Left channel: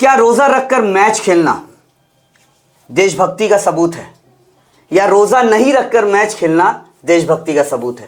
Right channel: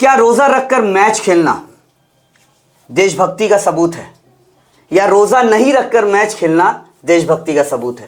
क्या रोजा रखकर मैच खेलना देशभक्ति का सबूत है, या रोजा नहीं रखकर मैच खेलना देशभक्ति का सबूत है?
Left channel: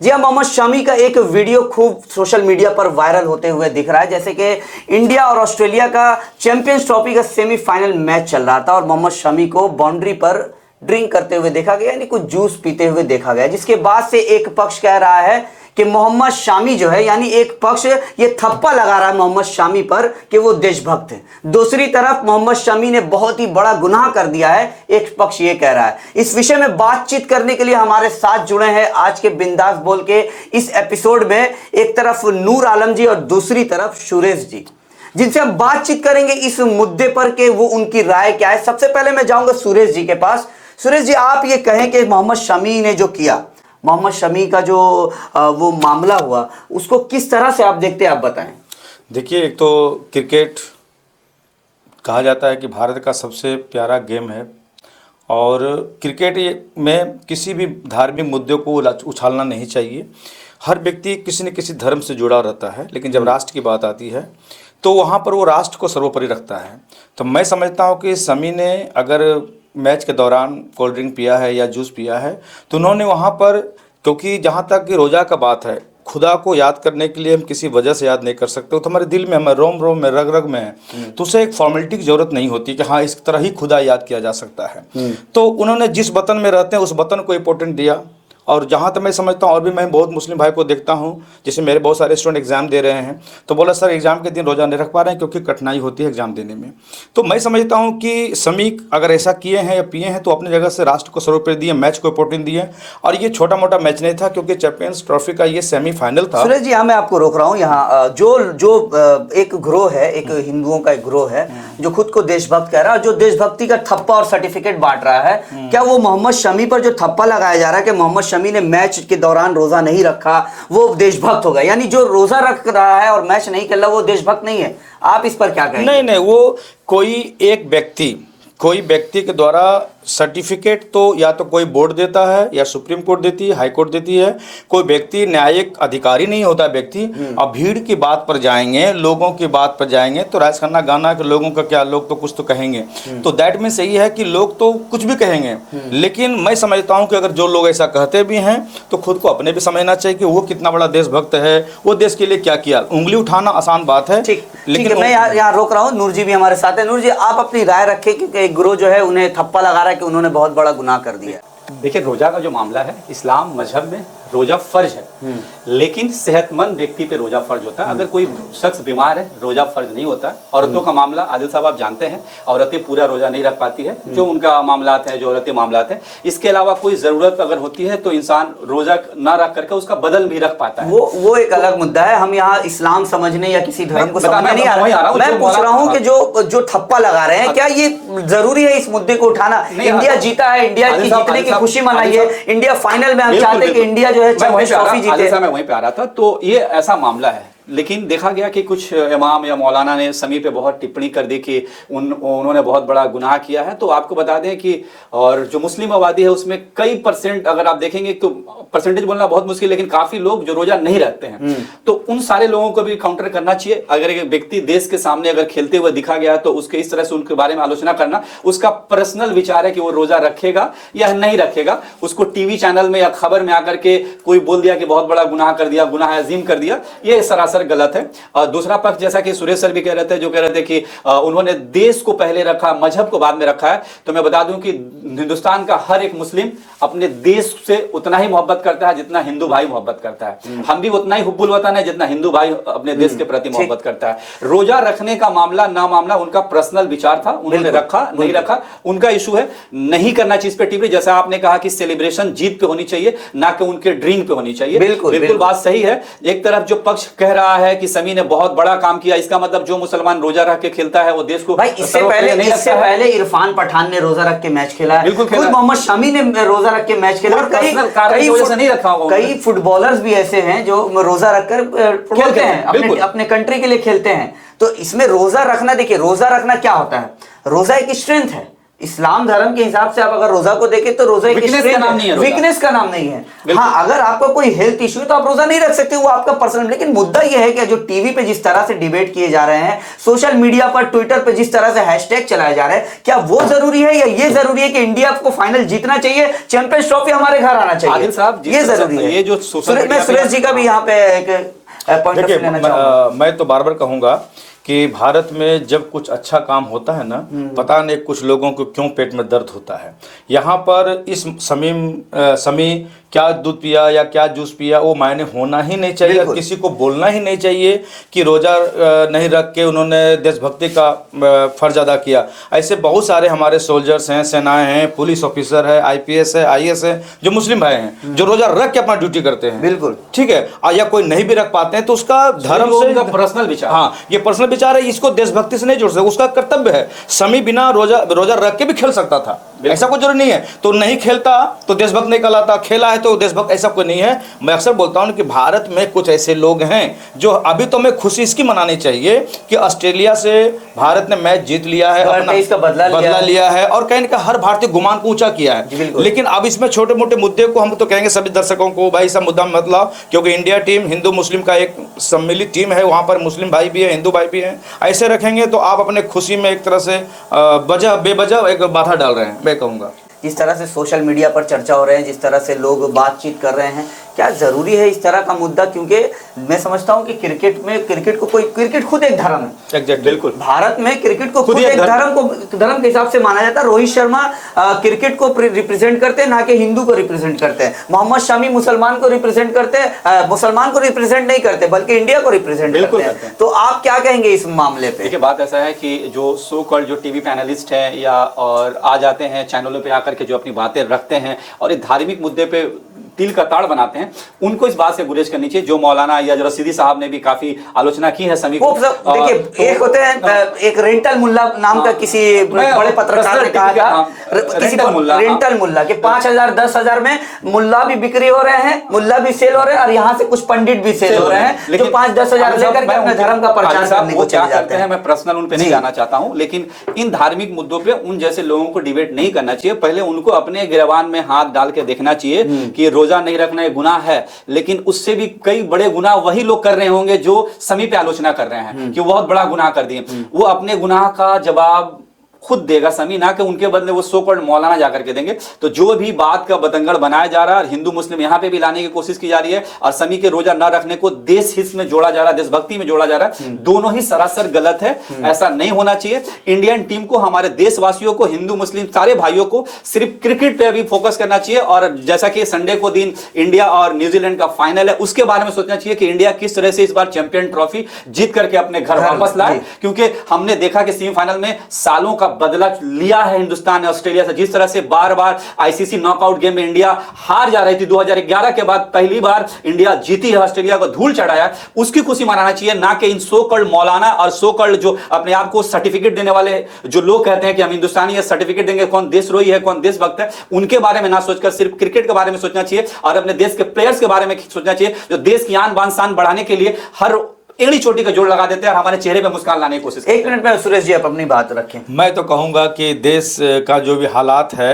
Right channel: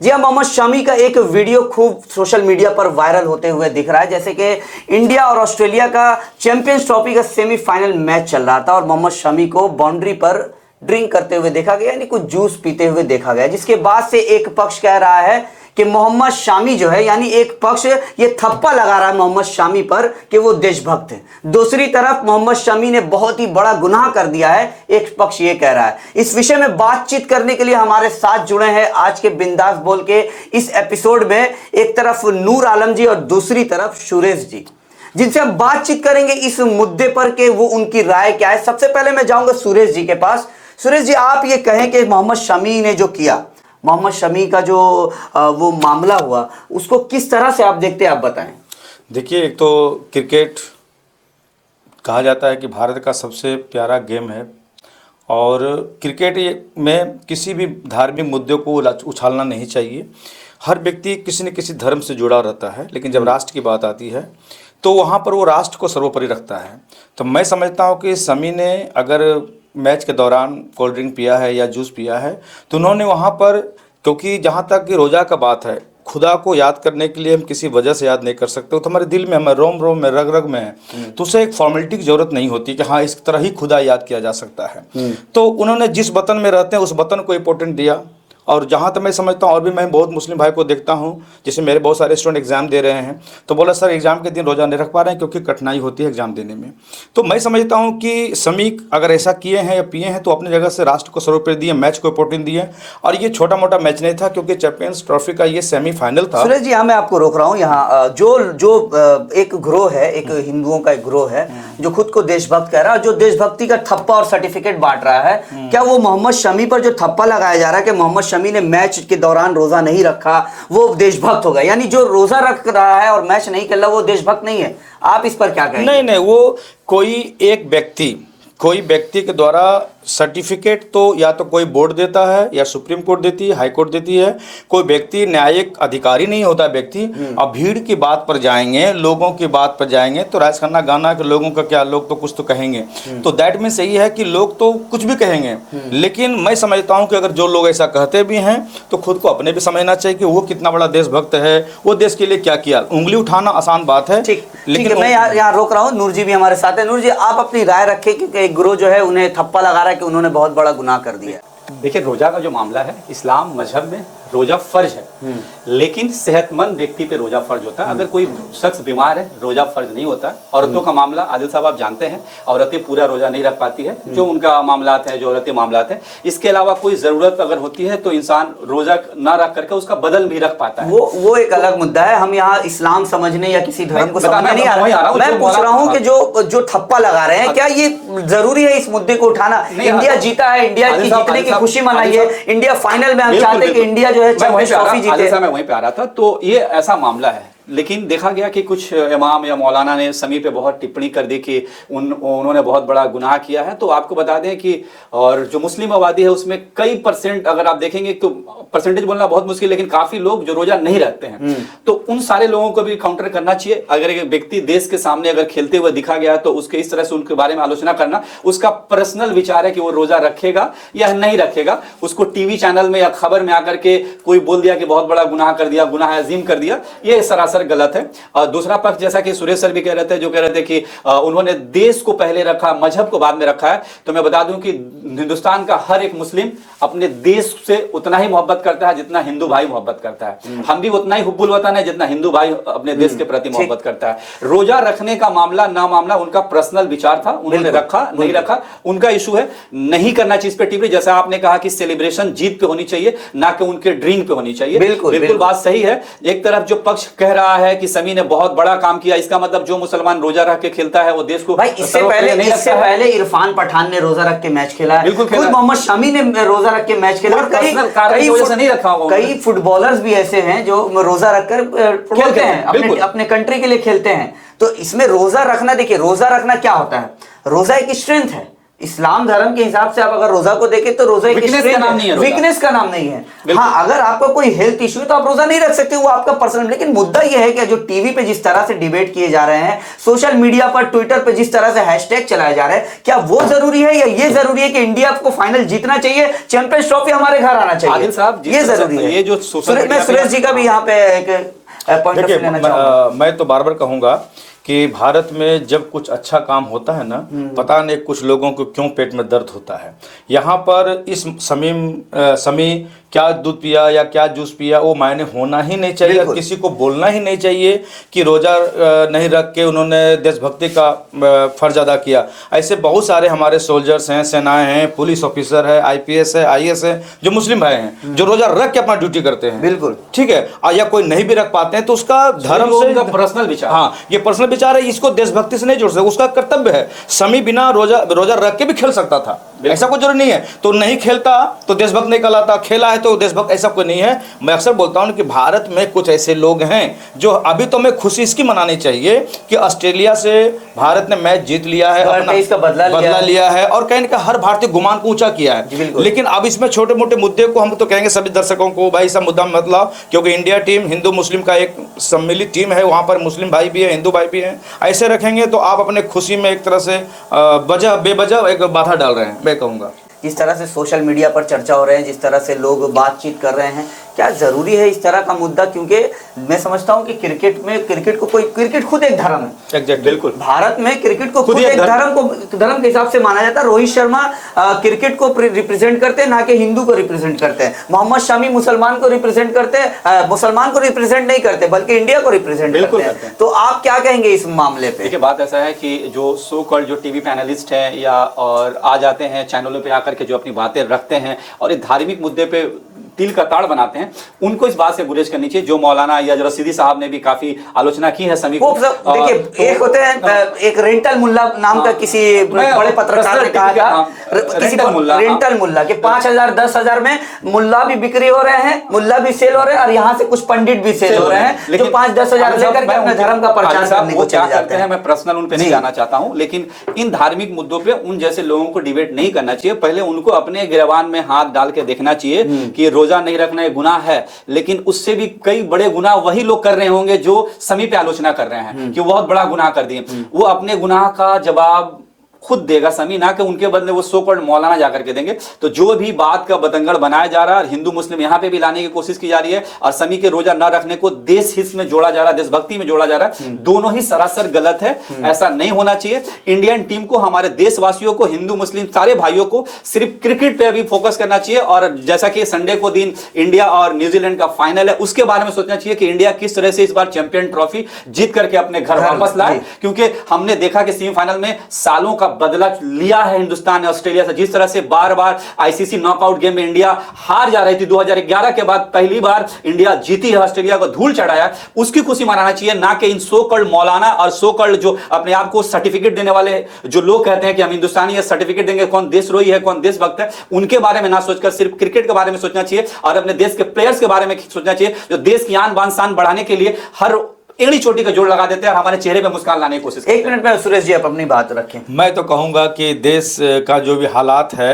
जी हाँ, मोहम्मद शमी का एक वीडियो खूब सोशल मीडिया पर वायरल होते हुए दिख रहा है। जैसे कि इंडिया और ऑस्ट्रेलिया का चैंपियंस ट्रॉफी का सेमीफाइनल मैच चल रहा था और मोहम्मद शमी को बाउंड्री पर ड्रिंक करते हुए देखा गया, यानी कुछ जूस पीते हुए देखा गया, जिसके बाद से एक पक्ष कह रहा है कि मोहम्मद शामी जो है, यानी एक पक्ष ये थप्पा लगा रहा है मोहम्मद शामी पर कि वो देशभक्त है। दूसरी तरफ मोहम्मद शमी ने बहुत ही बड़ा गुनाह कर दिया है, एक पक्ष ये कह रहा है। इस विषय में बातचीत करने के लिए हमारे साथ जुड़े हैं आज के बिंदास बोल के इस एपिसोड में एक तरफ नूर आलम जी और दूसरी तरफ सुरेश जी, जिनसे हम बातचीत करेंगे इस मुद्दे पर कि वो उनकी राय क्या है। सबसे पहले मैं जाऊंगा सुरेश जी के पास। सुरेश जी, आप ये कहें कि मोहम्मद शमी ने जो किया, मोहम्मद शमी का जो वो मामला हुआ, उसको किस तरह से आप देखते हैं, आप बताएं। देखिए, एक तो क्रिकेट कहा जाता है कि भारत का सबसे प्यारा गेम है और क्रिकेट में किसी भी धार्मिक मुद्दे को उछालना नहीं चाहिए। हर व्यक्ति किसी न किसी धर्म से जुड़ा रहता है, लेकिन जब राष्ट्र की बात आती है तो वहाँ पर वो राष्ट्र को सर्वोपरि रखता है। तो मैं समझता हूँ कि शमी ने अगर मैच के दौरान कोल्ड ड्रिंक पिया है या जूस पिया है तो उन्होंने वहाँ पर, क्योंकि जहाँ तक कि रोज़ा का बात है, खुदा को याद करने के लिए हम किसी वजह से याद नहीं कर सकते, तो हमारे दिल में, हमारे रोम रोम में, रग रग में है, तो उसे एक फॉर्मेलिटी की जरूरत नहीं होती कि हाँ इस तरह ही खुदा याद किया जा सकता है। तो उन्होंने जिस वतन में रहते हैं उस वतन को इम्पोर्टेंट दिया। और जहाँ तक मैं समझता हूँ, और भी मैं बहुत मुस्लिम भाई को देखता हूँ, जैसे मेरे बहुत सारे स्टूडेंट एग्जाम दे रहे हैं तो बोला सर एग्जाम के दिन रोज़ा नहीं रख पा रहे हैं क्योंकि कठिनाई होती है एग्जाम देने में। तो मैं समझता हूँ कि शमी अगर ऐसा किए हैं या पिए हैं तो अपनी जगह से राष्ट्र को सर्वोपरि दिए, मैच को इम्पोर्टेंस दिए। और ये छोटा मोटा मैच नहीं था क्योंकि चैंपियंस ट्रॉफी का ये सेमीफाइनल था। सुरेश जी, मैं आपको रोक रहा हूँ यहाँ। जो एक ग्रोह है, एक हिंदुओं का एक ग्रोह है जो खुद को देशभक्त कह रहा है, जो देशभक्ति का ठप्पा और सर्टिफिकेट बांट रहा है, क्या वो मोहम्मद शमी पर जो ठप्पा लगाया जा रहा है कि मोहम्मद शमी ने मैच के दौरान रोजा नहीं रखा वो देशभक्त होगा, यानी जो रोजा रख रहा है और मैच नहीं कर रहा वो देशभक्त नहीं है? आप इस पर क्या कहेंगे? नहीं, वो कोई व्यक्ति के द्वारा सर्टिफिकेट तो या तो कोई बोर्ड देता है या सुप्रीम कोर्ट देती है, हाई कोर्ट देती है। कोई व्यक्ति न्यायिक अधिकारी नहीं होता व्यक्ति। अब भीड़ की बात पर जाएंगे, लोगों की बात पर जाएंगे तो राजखन्ना गाना के लोगों का क्या, लोग तो कुछ तो कहेंगे। तो दैट मीन्स यही है कि लोग तो कुछ भी कहेंगे, लेकिन मैं समझता हूँ कि अगर जो लोग ऐसा कहते भी हैं तो खुद को अपने भी समझना चाहिए कि वो कितना बड़ा देशभक्त है, वो देश के लिए क्या किया। उंगली उठाना आसान बात है, लेकिन मैं यहाँ रोक रहा हूँ। नूर जी भी हमारे साथ है। नूर जी, आप अपनी राय रखें कि एक गुरु जो है उन्हें थप्पा लगा रहा है कि उन्होंने बहुत बड़ा गुनाह कर दिया। देखिए, रोजा का जो मामला है, इस्लाम मजहब में रोजा फर्ज है, लेकिन सेहतमंद व्यक्ति पे रोजा फर्ज होता है। अगर कोई शख्स बीमार है रोजा फर्ज नहीं होता है। औरतों का मामला आदिल साहब आप जानते हैं, औरतें पूरा रोजा नहीं रख पाती है, जो उनका मामलात है, जो औरतें मामलात है। इसके अलावा कोई जरूरत अगर होती है तो इंसान रोजा ना रख करके उसका बदन भी रख पाता है। वो एक अलग मुद्दा है। हम यहाँ इस्लाम समझने या किसी धर्म को समझने नहीं आ रहा हूं। मैं पूछ रहा हूँ कि जो ठप्पा लगा रहे हैं, क्या ये जरूरी है इस मुद्दे को उठाना? इंडिया जीता है, इंडिया की जीतने की खुशी मनाई है, इंडिया फाइनल में। हम चाहते हैं कि इंडिया जो है चैंपियंस ट्रॉफी जीते। मैं वहीं पे आ रहा था, तो ये ऐसा मामला है। लेकिन देखा गया कि कुछ इमाम या मौलाना ने शमी पे बहुत टिप्पणी कर दी कि उन्होंने बहुत बड़ा गुनाह किया है। तो आपको बता दें कि और जो मुस्लिम आबादी है उसमें कई परसेंट, अगर आप देखेंगे तो परसेंटेज बोलना बहुत मुश्किल, लेकिन काफी लोग जो रोजा नहीं रखते हैं, तो उन सारे लोगों को भी काउंटर करना चाहिए। अगर एक व्यक्ति देश के सामने अगर खेलते हुए दिखा गया तो उसके इस तरह से उनके बारे में आलोचना करना, उसका पर्सनल विचार है कि वो रोजा रखेगा या नहीं रखेगा। उसको टीवी चैनल में या खबर में आकर के कोई बोल दिया कि बहुत बड़ा गुनाह कर दिया, गुनाह अजीम कर दिया, ये सरासर गलत है। और दूसरा पक्ष, जैसा कि सुरेश सर भी कह रहे थे, जो कह रहे थे कि उन्होंने देश को पहले रखा, मजहब को बाद में रखा है, तो मैं बता दूं कि हिंदुस्तान का हर एक मुस्लिम अपने देश से उतना ही मोहब्बत करता है जितना हिंदू भाई मोहब्बत करता है। हम भी उतना ही हुब्बुल वतन है जितना हिंदू भाई अपने देश के प्रति मोहब्बत करता है। रोजा रखने का मामला ना मामला उनका पर्सनल विचार था, उन्होंने रखा नहीं रखा उनका इशू है। नहीं करना चाहिए इस पे टिप्पणी। जैसा आपने कहा कि सेलिब्रेशन जीत पे होनी चाहिए, ना कि उनके ड्रीम पे होनी चाहिए। बिल्कुल बात सही है। एक तरफ जो पक्ष कह रहा है कि शमी ने बहुत बड़ा काम किया, इसका मतलब जो मुसलमान रोजा रख के खेलता है वो देश को भाई, इससे पहले इरफान पठान ने रोजा रख के मैच खेला, खुद मोहम्मद शमी ने रोजा रख के मैच खेला। कई फुटबॉलर्स भी ऐसे हैं जो रोजा रखकर खेलते हैं, अपने कंट्री के लिए खेलते हैं। तो इसमें रोजा रखना, देखिए रोजा रखना क्या होता है? रोजा एक स्ट्रेंथ है, इस्लाम धर्म के हिसाब से आप अगर रोजा को देखें तो रोजा एक Weakness का नाम नहीं है रोजा। वीकनेस का नाम नहीं है। हाँ, अगर आपको कोई हेल्थ इश्यू है तो आप रोजा नहीं रख सकते, वो आपका पर्सनल। लेकिन मुद्दा यह है कि जो टीवी पे जिस तरह से डिबेट किए जा रहे हैं, सोशल मीडिया पर ट्विटर पे जिस तरह से हैशटैग चलाए जा रहे हैं, क्या वो जरूरी है या ये जरूरी है कि इंडिया को फाइनल जीतना चाहिए, चैंपियंस ट्रॉफी हमारे घर आना चाहिए? आदिल साहब, ये जरूरी है। ये जो मैं सुरेश जी का भी यहाँ पे एक पॉइंट ऑफ व्यू लेना चाहूंगा। मैं तो बार बार कहूंगा कि भारत में जब कुछ अच्छा काम होता है ना, पता नहीं कुछ लोगों को क्यों पेट में दर्द होता है। यहाँ पर इस समी क्या दूध पिया या क्या जूस पिया वो मायने होना ही नहीं चाहिए, किसी को बोलना ही नहीं चाहिए कि रोजा नहीं रख के उन्होंने देशभक्ति का फर्ज अदा किया। ऐसे बहुत सारे हमारे सोल्जर्स हैं, सेनाएं हैं, पुलिस ऑफिसर है, IPS है, IAS है, जो मुस्लिम भाई हैं, जो रोजा रख के अपना ड्यूटी करते हैं। बिल्कुल ठीक है। या कोई नहीं भी रख पाते तो उसका धर्म से पर्सनल विचार, हाँ, ये पर्सनल विचार है, इसको देशभक्ति से नहीं जोड़ सकते, उसका कर्तव्य है। समी बिना रोजा रख के भी खेल सकता था, ऐसा कोई जरूरी नहीं है। तो नहीं खेलता तो देशभक्त नहीं कहलाता, खेला है तो देशभक्त, ऐसा कोई नहीं है। मैं अक्सर बोलता हूं कि भारत में कुछ ऐसे लोग हैं जो अभी तो मैं खुशी इसकी मनानी चाहिए कि ऑस्ट्रेलिया से भारत ने मैच जीत लिया है, इसका बदला लिया है और कहीं ना कहीं हर भारतीय गुमान को ऊंचा किया है। लेकिन अब इसमें छोटे मोटे मुद्दे को हम तो कहेंगे सभी दर्शकों को, भाई सब मुद्दा मत लाओ, क्योंकि इंडिया टीम हिंदू मुस्लिम का एक सम्मिलित टीम है, वहां पर मुस्लिम भाई भी है, हिंदू भाई भी हैं। ऐसे रखेंगे तो आप अपने खुशी में एक तरह से बेवजह एक बाधा डाल रहे हैं, मैं कहूँगा। जिस तरह से सोशल मीडिया पर चर्चा हो रहे हैं, जिस तरह से लोग बातचीत कर रहे हैं, क्या जरूरी है इस तरह का मुद्दा? क्योंकि मैं समझता हूँ कि क्रिकेट खुद एक धर्म है। बिल्कुल, भारत में क्रिकेट को खुद एक धर्म के हिसाब से माना जाता है। रोहित शर्मा क्रिकेट को रिप्रेजेंट करते हैं, ना कि हिंदू को रिप्रेजेंट करते हैं। मोहम्मद शमी मुसलमान को रिप्रेजेंट करते हैं, मुसलमान को रिप्रेजेंट नहीं करते बल्कि इंडिया को रिप्रेजेंट करते हैं। तो आप क्या कहेंगे इस मामले पे? देखिए, बात ऐसा है कि जो सो कॉल्ड जो टीवी पैनलिस्ट है या और आ जाते हैं चैनलों पे आकर के जो अपनी बातें रखते हैं और एक धार्मिक मुद्दे पे दिल का ताड़ बनाते हैं, उनको इस बात से गुरेज करनी चाहिए। जो मौलाना या जो रसीदी साहब ने भी काफी आलोचना की है समी को। देखिए, एक होते हैं एक रेंटल मुल्ला नाम का किसी बड़े पत्रकार ने कहा, रेंटल मुल्ला के 5,000 10,000 में मुल्ला भी बिक्री हो रहे हैं, मुल्ला भी सेल हो रहे हैं और यहाँ से कुछ पंडित भी सेल हो रहे हैं, लेकिन 5-10,000 लेकर के अपने धर्म का प्रचार करने को चले जाते हैं। मैं पर्सनल उन पे नहीं जाना चाहता हूँ, लेकिन इन धार्मिक मुद्दों पे उन जैसे लोगों को डिबेट नहीं करना चाहिए। पहले उनको अपने गिरबान में हाथ डाल के देखना चाहिए कि रोजा नहीं रखना है गुनाह है, लेकिन उससे भी कई बड़े गुनाह वही लोग कर रहे होंगे जो समी पे आलोचना कर रहे हैं कि वो बहुत बड़ा गुनाह कर दिए। वो अपने गुनाह का जवाब खुद देगा समी, ना कि उनके बदले वो सो कॉल्ड मौलाना जाकर के देंगे। तो जो भी बात का बतंगड़ बनाया जा रहा है और हिंदू मुस्लिम यहाँ पे भी लाने की कोशिश की जा रही है और समी के रोजा ना रखने को देश हित में जोड़ा जा रहा है, देशभक्ति में जोड़ा जा रहा है, दोनों ही सरासर गलत है। ऐसा नहीं होना चाहिए। इंडियन टीम को, हमारे देशवासियों को, हिंदू मुस्लिम सारे भाइयों को सिर्फ क्रिकेट पे अभी फोकस करना चाहिए। और जैसा कि संडे को दिन इंडिया और न्यूजीलैंड का फाइनल है, उसके बारे में सोचना चाहिए कि इंडिया किस तरह से इस बार चैंपियन ट्रॉफी जीत करके अपने घर वापस लाए। क्योंकि हमने देखा कि सेमीफाइनल में सालों का बदला लिया है हिंदुस्तान ने ऑस्ट्रेलिया से। जिस तरह से बार बार आईसीसी नॉकआउट गेम में इंडिया हार जा रही थी, 2011 के बाद पहली बार इंडिया जीती है, ऑस्ट्रेलिया को धूल चढ़ाया, उसकी खुशी मनाना चाहिए, ना कि इन सो कॉल्ड मौलाना और सो कॉल्ड जो अपने आप को सर्टिफिकेट देने वाले जो लोग कहते हैं कि हम हिंदुस्तानी है, सर्टिफिकेट देंगे, कौन देशद्रोही है, कौन देशभक्त है, उनके बारे में ना सोचकर सिर्फ क्रिकेट के बारे में सोचना चाहिए और अपने देश के प्लेयर्स के बारे में सोचना चाहिए जो देश की आन बान शान बढ़ाने के लिए हर एड़ी चोटी का जोड़ लगा देते हैं और हमारे चेहरे पे मुस्कान लाने की कोशिश करते हैं। 1 मिनट में सुरेश जी आप अपनी बात रखें। मैं तो कहूँगा कि देश का जो भी हालात है,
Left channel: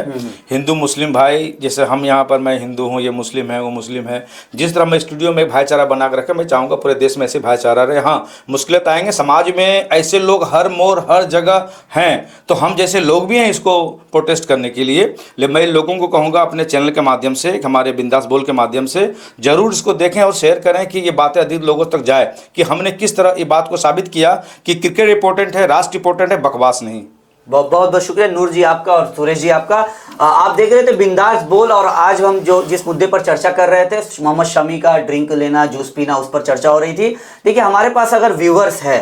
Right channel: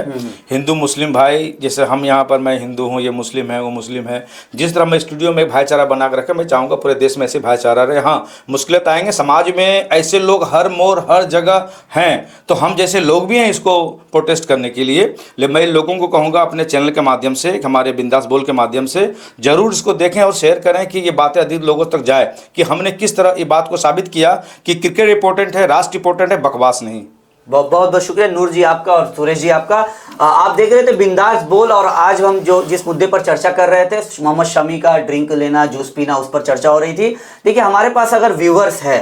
हिंदू मुस्लिम भाई, जैसे हम यहाँ पर, मैं हिंदू हूँ, ये मुस्लिम है, वो मुस्लिम है, जिस तरह मैं स्टूडियो में भाईचारा बना कर रखे, मैं चाहूँगा पूरे देश में ऐसे भाईचारा रहे। हाँ, मुश्किलें आएंगे, समाज में ऐसे लोग हर मोड़ हर जगह हैं, तो हम जैसे लोग भी हैं इसको प्रोटेस्ट करने के लिए। मैं लोगों को कहूँगा अपने चैनल के माध्यम से, हमारे बिंदास बोल के माध्यम से जरूर इसको देखें और शेयर करें कि ये बातें अधिक लोगों तक जाए कि हमने किस तरह ये बात को साबित किया कि क्रिकेट इंपॉर्टेंट है, राष्ट्र इंपॉर्टेंट है, बकवास नहीं। बहुत बहुत शुक्रिया नूर जी आपका और सुरेश जी आपका। आप देख रहे थे बिंदास बोल और आज हम जो जिस मुद्दे पर चर्चा कर रहे थे, मोहम्मद शमी का ड्रिंक लेना, जूस पीना, उस पर चर्चा हो रही थी। देखिए, हमारे पास अगर व्यूवर्स है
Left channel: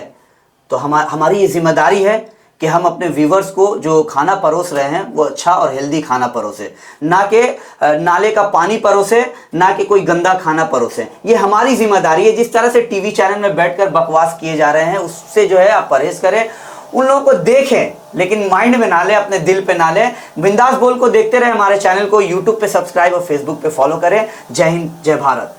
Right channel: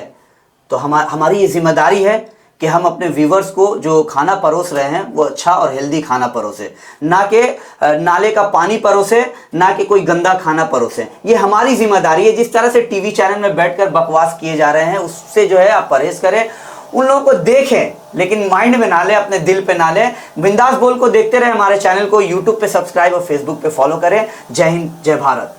तो हमारी ये जिम्मेदारी है कि हम अपने व्यूवर्स को जो खाना परोस रहे हैं वो अच्छा और हेल्दी खाना परोसे, ना कि नाले का पानी परोसे, ना कि कोई गंदा खाना परोसे। ये हमारी जिम्मेदारी है। जिस तरह से टीवी चैनल में बैठकर बकवास किए जा रहे हैं उससे जो है आप परहेज करें, उन लोगों को देखें लेकिन माइंड में ना लें, अपने दिल पे ना लें। बिंदास बोल को देखते रहे, हमारे चैनल को यूट्यूब पे सब्सक्राइब और फेसबुक पे फॉलो करें। जय हिंद, जय भारत।